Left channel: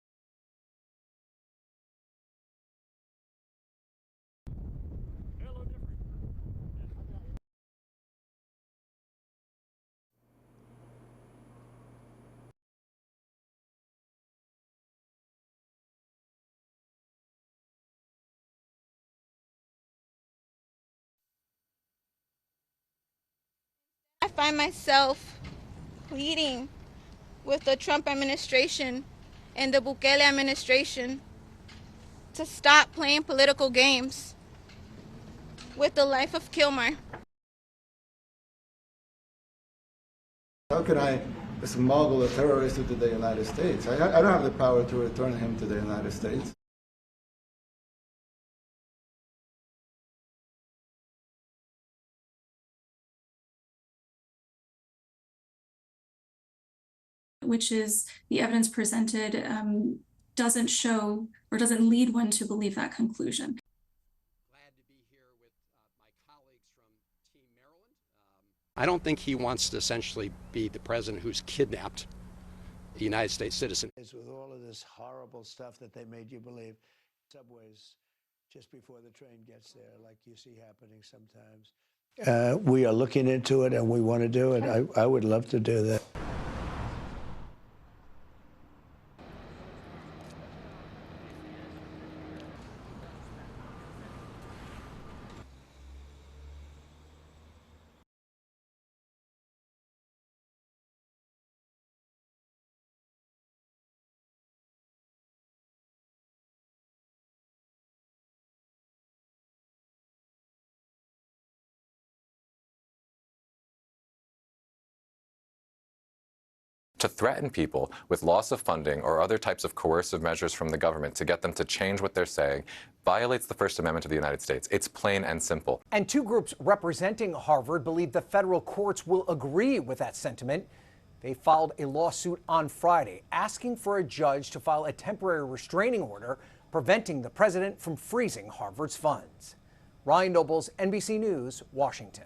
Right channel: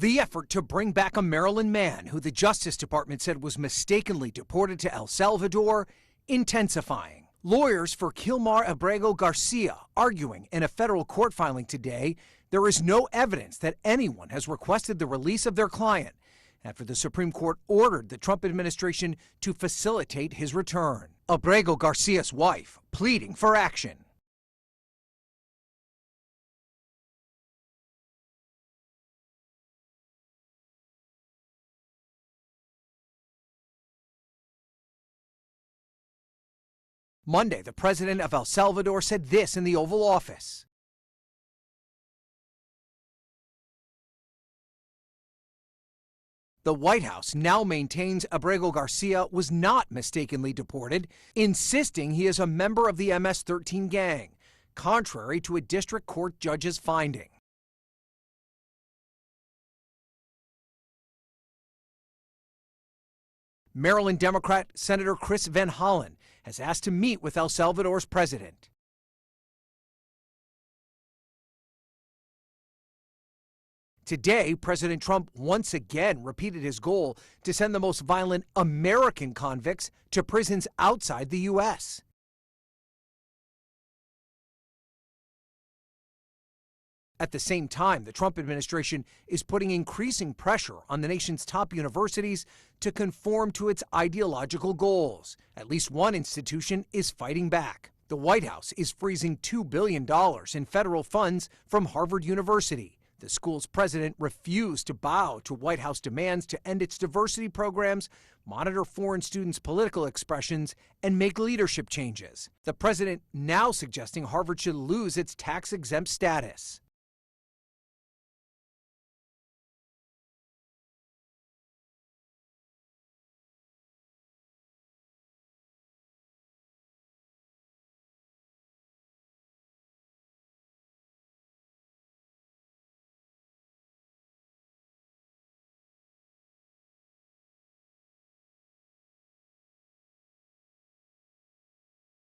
The effort to bring back a Maryland man who the Justice Department said was mistakenly deported to El Salvador intensifying. Lawyers for Kilmar Abrego Garcia arguing in a federal court filing today there is no evidence that anyone has requested the release of their client after the Supreme Court ordered the Trump administration to facilitate his return. Abrego Garcia's wife pleading for action. I find myself pleading with the Trump administration and the Bukele administration to stop playing political games with the life of Kilmar. Monday, the president of El Salvador said this in the Oval Office. How can I smuggle a terrorist into the United States? I don't have the power to return him to the United States. The White House now maintains Abrego Garcia was not mistakenly deported, insisting he is a member of the MS-13 gang, contrary to a district court judge's finding. Which is the evidence presented doesn't show or doesn't lead one to believe that conclusion. Maryland Democrat Senator Chris Van Hollen has asked to meet with El Salvador's president. I don't think he wants to essentially be the president who's kidnapped a United States citizen. Today, President Trump once again repeated his goal to send the most violent American convicts to prisons outside the U.S. We are looking into it and we want to do it. I would love to do that. At the same time, the Trump administration is putting increasing pressure on the nation's top universities to conform to its ideological goals. At least one institution is fighting back. The White House is freezing $2 billion in federal funds from Harvard University. The school's president refused to bow to White House demands to end its diversity programs, monitor foreign students' political expressions, and make leadership changes. The president now suggesting Harvard should lose its tax-exempt status. To threaten people with loss of funding or other types of coercive measures from the government to get them to change what they're saying violates the First Amendment of the United States. It's plain and simple. And two groups representing Harvard believe the federal courts will agree with that sentiment. They filed a lawsuit on Friday asking for a judge to file a temporary restraining order preventing the president from freezing Harvard's funds. Ryan Nobles, NBC News, Washington.